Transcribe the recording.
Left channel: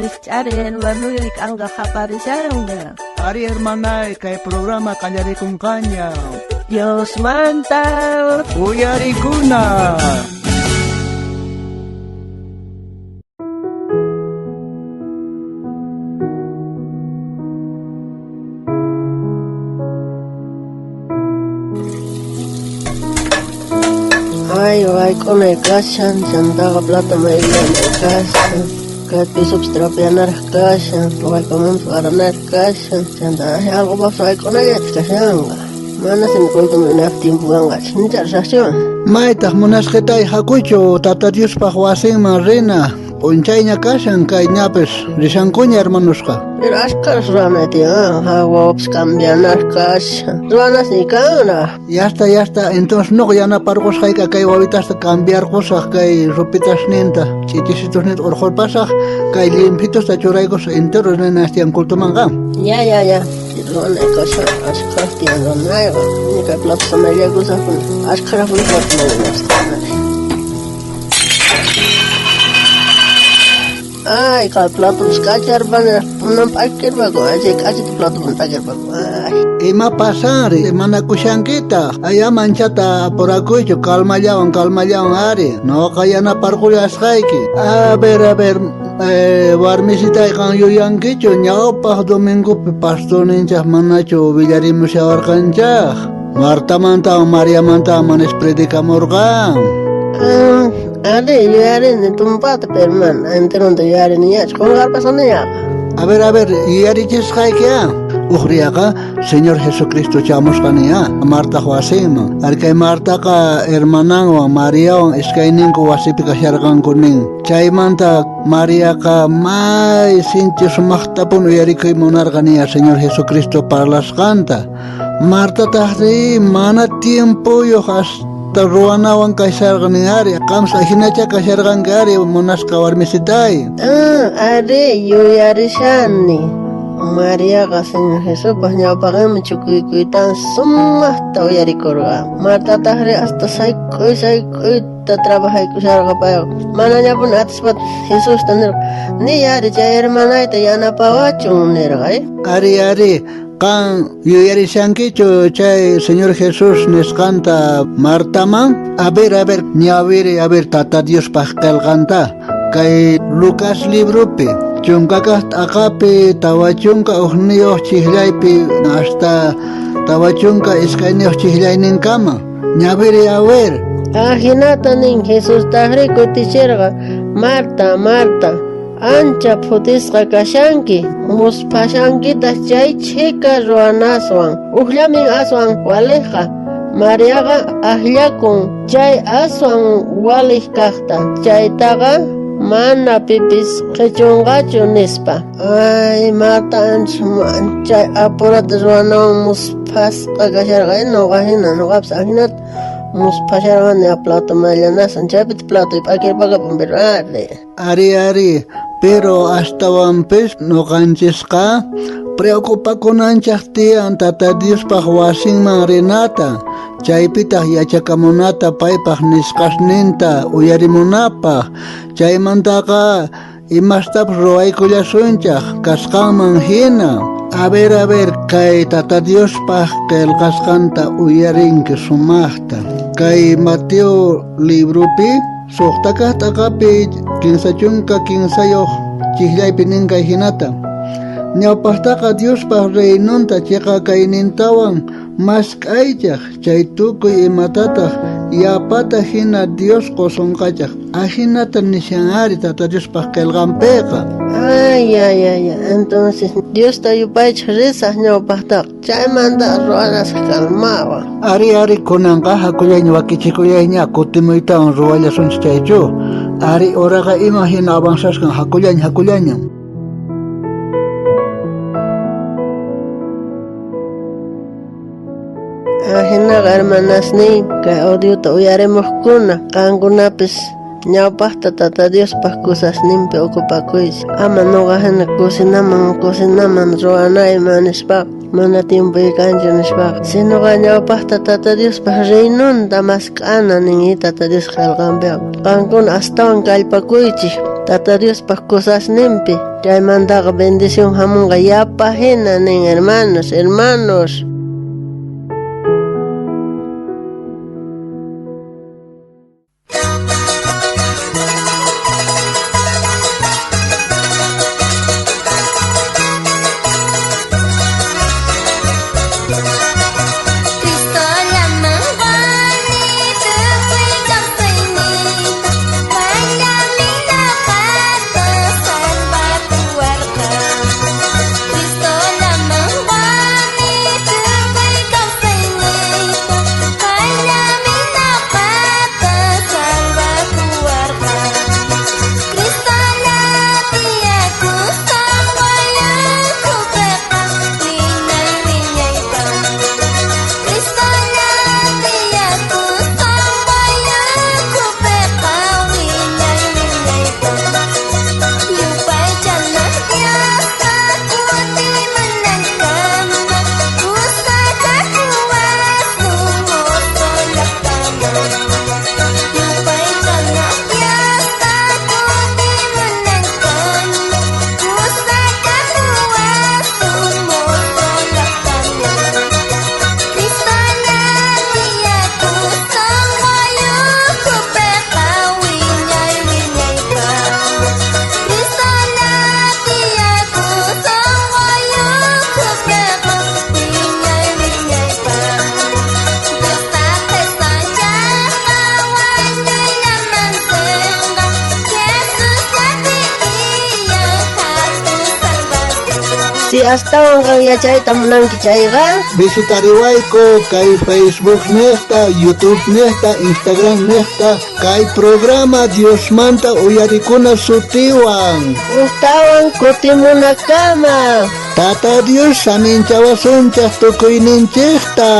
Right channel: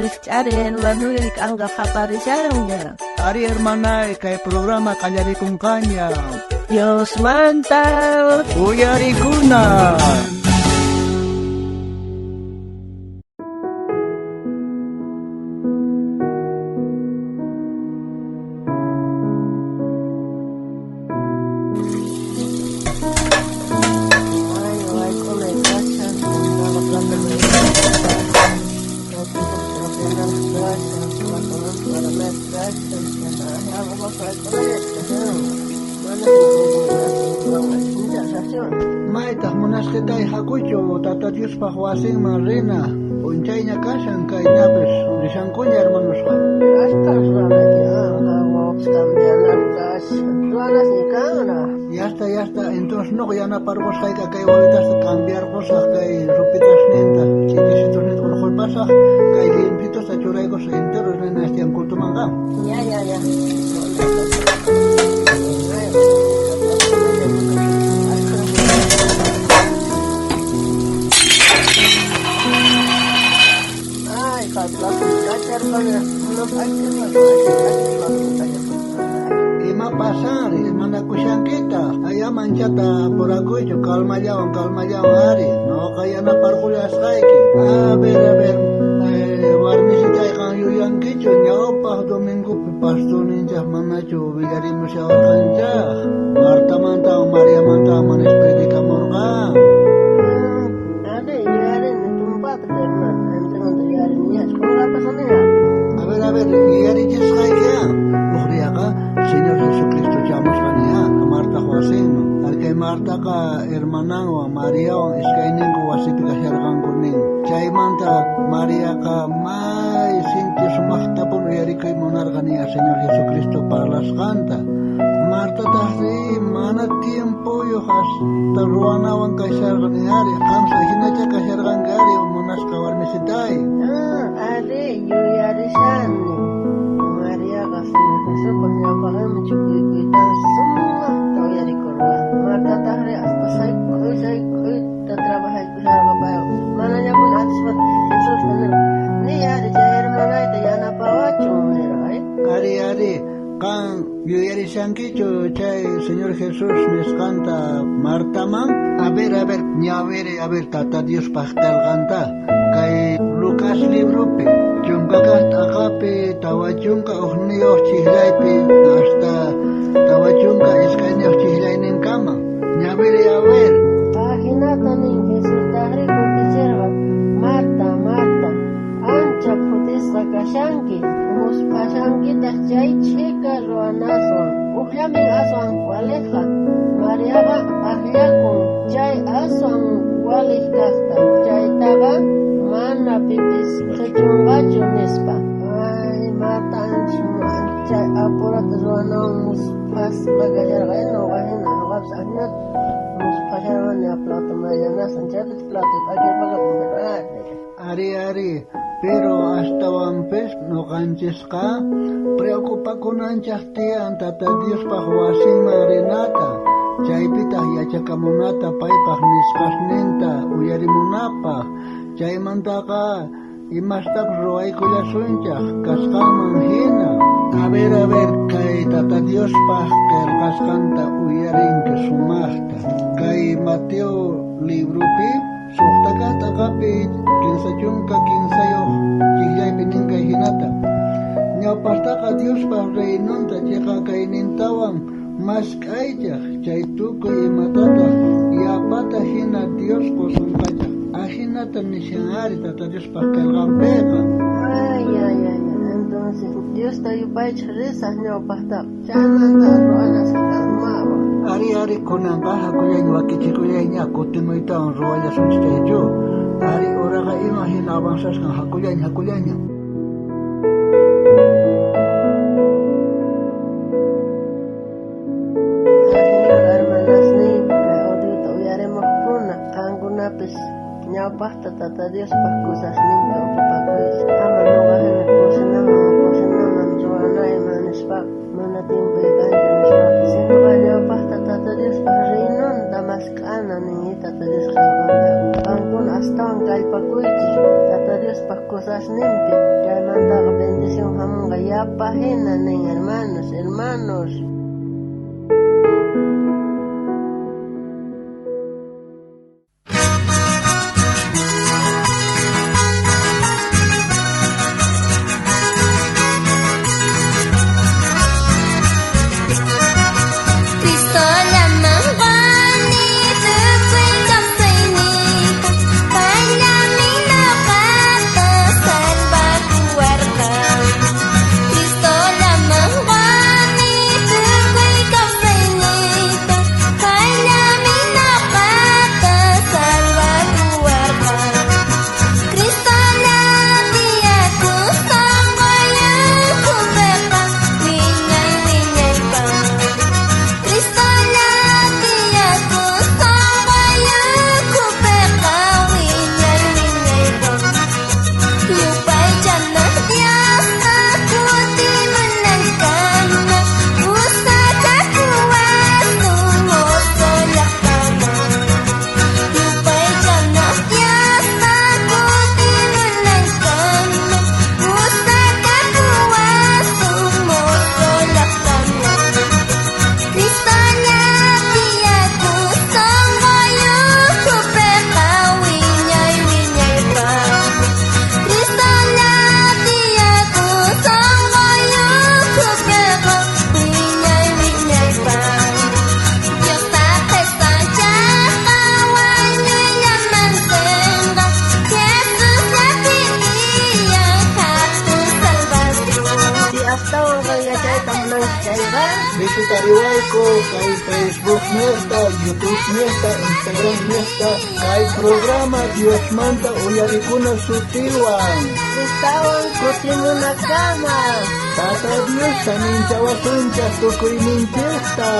Richarin, Manuel, Anga Japarisharonga. Ari hermana, kay programa kanyari kung kanya. Dios manta. Uyari kuna. Ay, con el cashan, chandaga plata me cashan, que piso strapeanar cashan, ay, como un paranar cashan, chandaga algo más ay con el cashan. Mana se me cuenta me naftin buanga, chinchar sasión. Maitah munasqetay hakuchu tata Dios pahuasin marina. Unchayña kashan kay ñapis rishankuña hermanosqa. Pero ascar suana tía, hawops cambianar cashan. Suana si kana. Ya está, entonces no yana pargos hayka kay wawitas cambiar cosas kay ropitas ninta. Chitisitos net orjol pasaj kay limpitos ta churaygos enteros nena estian kultumanga. Ya. Suana cashan, ascar tía, no hay. Que plata me le gusta, ascar Ay, kal plato iskachar bana, unam pakir bago, aje kaji plato muntakir bago. Ay. Ima pasar, mana kushankita. Aya manchata por acuyo, calma yawan ari. No kayana parkulas haiki. A ver, warmisita ikan yuyankicho, ñawpaj domingo pastor ninchas manacho villarimos yawarkanchaj. Marta manta o María manta manes predicamorgan. Ade, yo haré de tumpata, pero man, entero de yo haré ni ya, ¿cómo pasando ya? A ver, y ariches haikea. Ujriaga, Señor Jesucristo chamos kania, Marta Juasino. Arke Marta ka hermanan o María o eskainin ko wasipika shargan kuning. Chay manta María ka mai sinti sumahtapun uyarikoy monargania Señor Jesucristo para las canta. Marta tahri mana tiempo yo hasta ruanawan kay sharganiari. Kamsa hinacha ka shargangari monaska warmisitay. Ade, yo haré shani. María ka Señor Jesús pues ya pagamos chukuy tan summa ta uyari korwa. Marta tahri hasta sai ta trabaja y kusarga payo. Mana ya pun atis pat Jesús tanir. Ni yari ja hermana ita yana pawachun nergai. Ari, kan yuyari shankicho chay Señor Jesús nos canta Martaman. A ver, a ver, tata Dios pascal canta. Kay Lucas librope. Chunkakas akapi tawachunka uhniyuh chihlaypi hasta tawachunka iskayniyuh chihlaynin kama. Ñaviri a ver. Ajinata nin Jesús tahri kutichirga. Marta, ancha putisqa kashanki. Muspashankita chay chika ruanaswan. Uhlamin aswan waleja. Mariaga ahlakun chay aswan walij kaqta. Chaytaga mana pipis qhichunqachu nispa. Ay, Marta ancha apurata ruanawan muspasqa kasharqa. Nuqa hina, nuqapas ahinata muspasharqani a plato mayllanasan. Chaypita plato ip'akirpaqapan pero Ari, pero hasta wampis nuqanchisqa preocupakunanchaq tiyan tata Diospaq wasinman rinata. Chaypitaq yachakamunata paypaq nisqasninta uyarimunapaq. Chaymantaqa imastapas ruwaykullasunchaq kasqanman hina. A ver, kay tata Diospaq qillqasqanta uyarinki sumaqta. Kay Mateo libropi suqtakaq t'aqapi kinsachunka kinsayuq chihlaypi ninkay hinata. Ñawpaqtaqa Diospaq reynunta chiqa kaynintawan mas k'aychaq chay tukuy imatataq yapata hina Dios qosunqachaq. Ahinata nishanari tata Diospaq qillqanpiqa. Ay. Entonces Dios ta yupaychaq risaq ñawpaqtaqa. Chaymanta ruanas kalmawa. Ari kunanqa hakullayña wakichikuyayña kutimuytawan ruwallasunchik chaychu. Ari oraqa ima hina avanzasqan hakullaña. Hinaqa hermanasnin kay audiota uyarimuqkuna qankunapis ñawpaqta tata Diospaq kusasninpi ukupakuysi. Ama nuqa hina kusinaman ruwanayman nispa mana tiempo ikanchu nishpa sinuqa ñawpaqta Tata Diospaq reynunta mask'ana ningi Tata Dios qillqanpiqa qankuna astawan kallpakuychik Tata Diospaq kusasninpi chaymantaqa bendición hamunqa yapa hina nin hermanos. astawan kang yachayta munanki chayqa visitariwayku kay Facebook nesta, YouTube nesta, Instagram nesta, kay programa Dios manta uyarikuna sutiwan ustawan kutimunakama Tata Dios saninchawasunchas tukuyninchikta.